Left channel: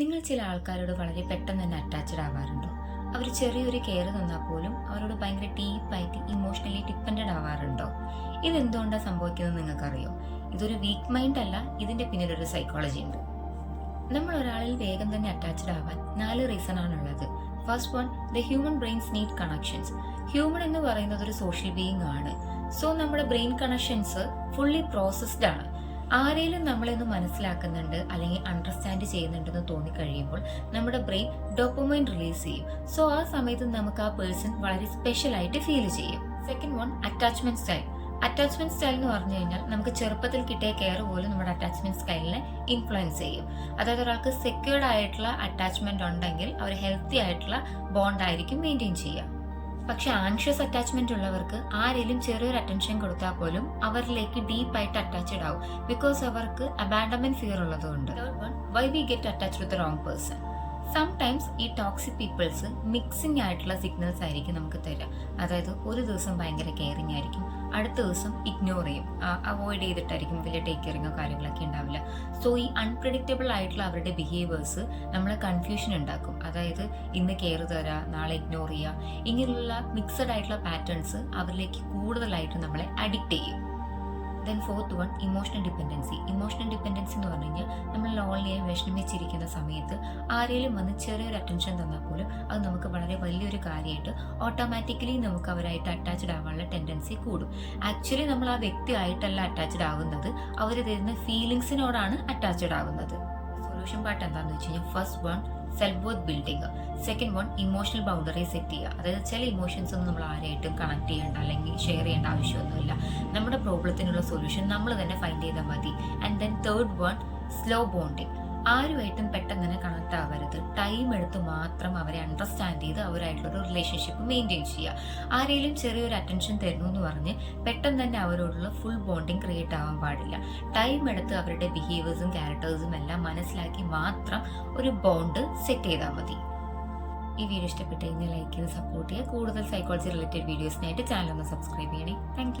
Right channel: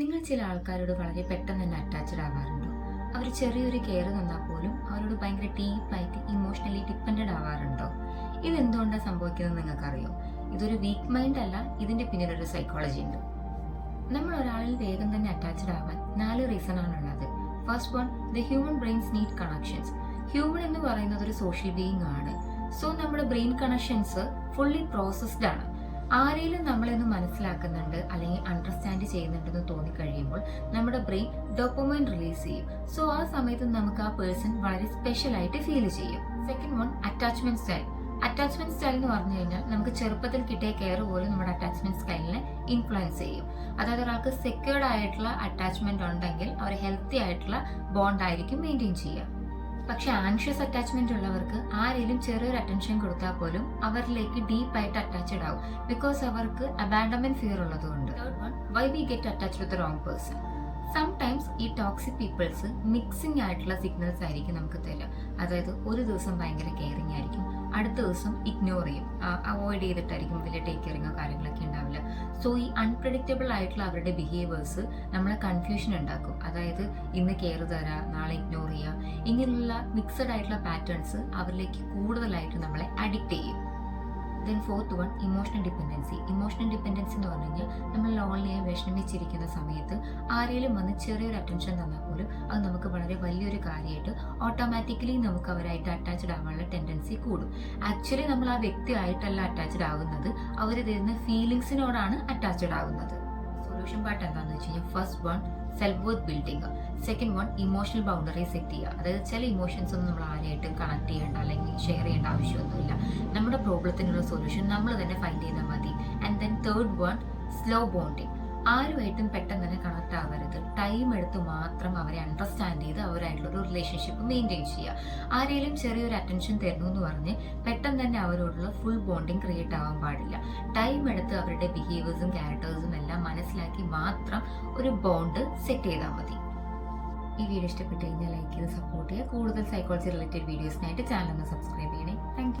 നിങ്ങൾ ചില ആൾക്കാരോട് വളരെ പെട്ടെന്ന് തന്നെ അറ്റാച്ച്ഡ് ആവാറുണ്ടോ? അവർ ചെറിയൊരു കെയർ തന്നാൽ പോലും അവരോട് ഭയങ്കര ഡീപ്പായിട്ട് ഇമോഷണലി ഡിപ്പെൻഡഡ് ആവാറുണ്ടോ? ഇതെന്തുകൊണ്ടാണ് സംഭവിക്കുന്നത് നിങ്ങൾക്കറിയോ? ഇതൊരു വീക്ക് മൈൻഡ് അല്ല, ഇതിൻ്റെ പിന്നിലൊരു സൈക്കോളജി ഉണ്ട്. നമ്മൾ ഒരാളിൽ വേഗം തന്നെ അറ്റാച്ച്ഡ് ആവാൻ 4 റീസൺ ആണുള്ളത്. First one, the human brains need connections. Human എന്ന് പറയുന്നത് ഒരു സോഷ്യൽ ബീയിങ് ആണ്. സോ നമ്മുടെ ബ്രെയിൻ കണക്ഷൻസ് ഫുള്ളി പ്രോസസ്ഡ് ആണ്. ആരെങ്കിലും നമ്മളെന്ന് മനസ്സിലാക്കുന്നുണ്ട് അല്ലെങ്കിൽ അണ്ടർസ്റ്റാൻഡ് ചെയ്യുന്നുണ്ടെന്ന് തോന്നിക്കഴിയുമ്പോൾ നമ്മുടെ ബ്രെയിൻ ഡോപ്പമൈൻ റിലീസ് ചെയ്യും. സോ ആ സമയത്ത് നമുക്ക് ആ പേഴ്സൺ വളരെ സ്പെഷ്യൽ ആയിട്ട് ഫീൽ ചെയ്യും. Second one, attachment style. Attachment style എന്ന് പറഞ്ഞു കഴിഞ്ഞാൽ നമുക്ക് ചെറുപ്പത്തിൽ കിട്ടിയ കെയർ പോലും നമ്മുടെ അറ്റാച്ച്മെന്റ് സ്റ്റൈലിനെ ഇൻഫ്ലുവൻസ് ചെയ്യും. അതായത് ഒരാൾക്ക് സെക്യൂർഡ് ആയിട്ടുള്ള അറ്റാച്ച്മെന്റ് ഉണ്ടെങ്കിൽ അവർ ഹെൽത്തി ആയിട്ടുള്ള ബോണ്ട് ആയിരിക്കും മെയിൻറ്റെയിൻ ചെയ്യുക. പക്ഷെ ആങ്ഷ്യസ് അറ്റാച്ച്മെന്റ് ഉള്ളവർക്ക് ആരെങ്കിലും ചെറിയൊരു അറ്റൻഷൻ കൊടുത്താൽ പോലും അവരിലേക്ക് ഡീപ്പായിട്ട് അറ്റാച്ച്ഡ് ആവും. ബിക്കോസ് അവർക്ക് അബാൻഡൻമെന്റ് ഫിയർ ഉള്ളതുകൊണ്ട്. Third one, why we get attached with the wrong person. Sometimes ഈ ടോക്സിക് പീപ്പിൾസ് മിക്സിംഗ് ആയിട്ടുള്ള സിഗ്നൽസ് ആയിരിക്കും നമുക്ക് തരിക. അതായത് ഒരു ദിവസം ഭയങ്കര കെയറിങ് ആയിരിക്കും, അടുത്ത ദിവസം ഇഗ്നോർ ചെയ്യും, അവോയ്ഡ് ചെയ്തിട്ടായിരിക്കും, വലിയ ടേക്ക് കെയറിങ്ങോ കാര്യങ്ങളൊക്കെ ഉണ്ടാവില്ല. സോ ഈ അൺപ്രഡിക്റ്റബിൾ ആയിട്ടുള്ള അവരുടെ ബിഹേവിയേഴ്സ് നമ്മളെ കൺഫ്യൂഷൻ ഉണ്ടാക്കും. അതായത് ഇന്ന് കെയർ തരാ, നാളെ ഇഗ്നോർ ചെയ്യുക, ഇങ്ങനെയുള്ള മിക്സഡ് ആയിട്ടുള്ള പാറ്റേൺസ് അവരിലേക്ക് കൂടുതലായിട്ട് നമ്മളെ അഡിക്റ്റ് ചെയ്യും. Then fourth one, emotional dependency. Emotional dependency എന്ന് പറഞ്ഞു കഴിഞ്ഞാൽ നമ്മൾ ലോൺലിയായി വിഷമിച്ചിരിക്കുന്ന സമയത്ത് ആരെങ്കിലും വന്ന് ചെറിയൊരു അറ്റൻഷൻ തന്നാൽ പോലും അത് നമുക്ക് വളരെ വലിയൊരു കാര്യമായിട്ട് ഓട്ടോമാറ്റിക്കലി നമുക്ക് അവരായിട്ട് അറ്റാച്ച്ഡ് ആവാനുള്ള ടെൻഡൻസി കൂടും. ആക്ച്വലി നമ്മൾ ആ വ്യക്തിയായിട്ടല്ല അറ്റാച്ച്ഡ് ആവുന്നത്, അവർ തരുന്ന ഫീലിങ്സിനോടാണ് അറ്റാച്ച്ഡ് ആവുന്നത്. സൊല്യൂഷൻ പാർട്ട് എന്താണെന്ന് വെച്ച് കഴിഞ്ഞാൽ first one, self worth building. Second one, emotional boundary set ചെയ്യുക. അതായത് ചില ഇമോഷൻസ് ഒന്നും നമ്മൾ ആരെയായിട്ടും കണക്ട് ചെയ്യേണ്ട അല്ലെങ്കിൽ ഷെയർ ചെയ്യേണ്ട ആവശ്യമൊന്നുമില്ല. നമ്മുടെ പ്രോബ്ലത്തിനുള്ള സൊല്യൂഷൻ നമ്മൾ തന്നെ ഫൈൻഡ് ചെയ്താൽ മതി. And then third one, slow bonding. ആരുമായിട്ടും പെട്ടെന്ന് തന്നെ കണക്ട് ആവരുത്. ടൈം എടുത്ത് മാത്രം അവരെ അണ്ടർസ്റ്റാൻഡ് ചെയ്ത് അവരായിട്ടുള്ളൊരു റിലേഷൻഷിപ്പ് മെയിൻറ്റെയിൻ ചെയ്യുക. ആരെങ്കിലും ചെറിയൊരു അറ്റൻഷൻ തരുന്നു എന്ന് പറഞ്ഞ് പെട്ടെന്ന് തന്നെ അവരോടുള്ള ഫുൾ ബോണ്ടിങ് ക്രിയേറ്റ് ആവാൻ പാടില്ല. ടൈം എടുത്ത് അവരുടെ ബിഹേവിയേഴ്സും ക്യാരക്ടേഴ്സും എല്ലാം മനസ്സിലാക്കി മാത്രം ഒരു ബോണ്ട് സെറ്റ് ചെയ്താൽ മതി. ഈ വീഡിയോ ഇഷ്ടപ്പെട്ട് കഴിഞ്ഞാൽ ലൈക്ക് ചെയ്ത് സപ്പോർട്ട് ചെയ്യുക. കൂടുതൽ സൈക്കോളജി റിലേറ്റഡ് വീഡിയോസിനായിട്ട് ചാനൽ ഒന്ന് സബ്സ്ക്രൈബ് ചെയ്യണേ. Thank you.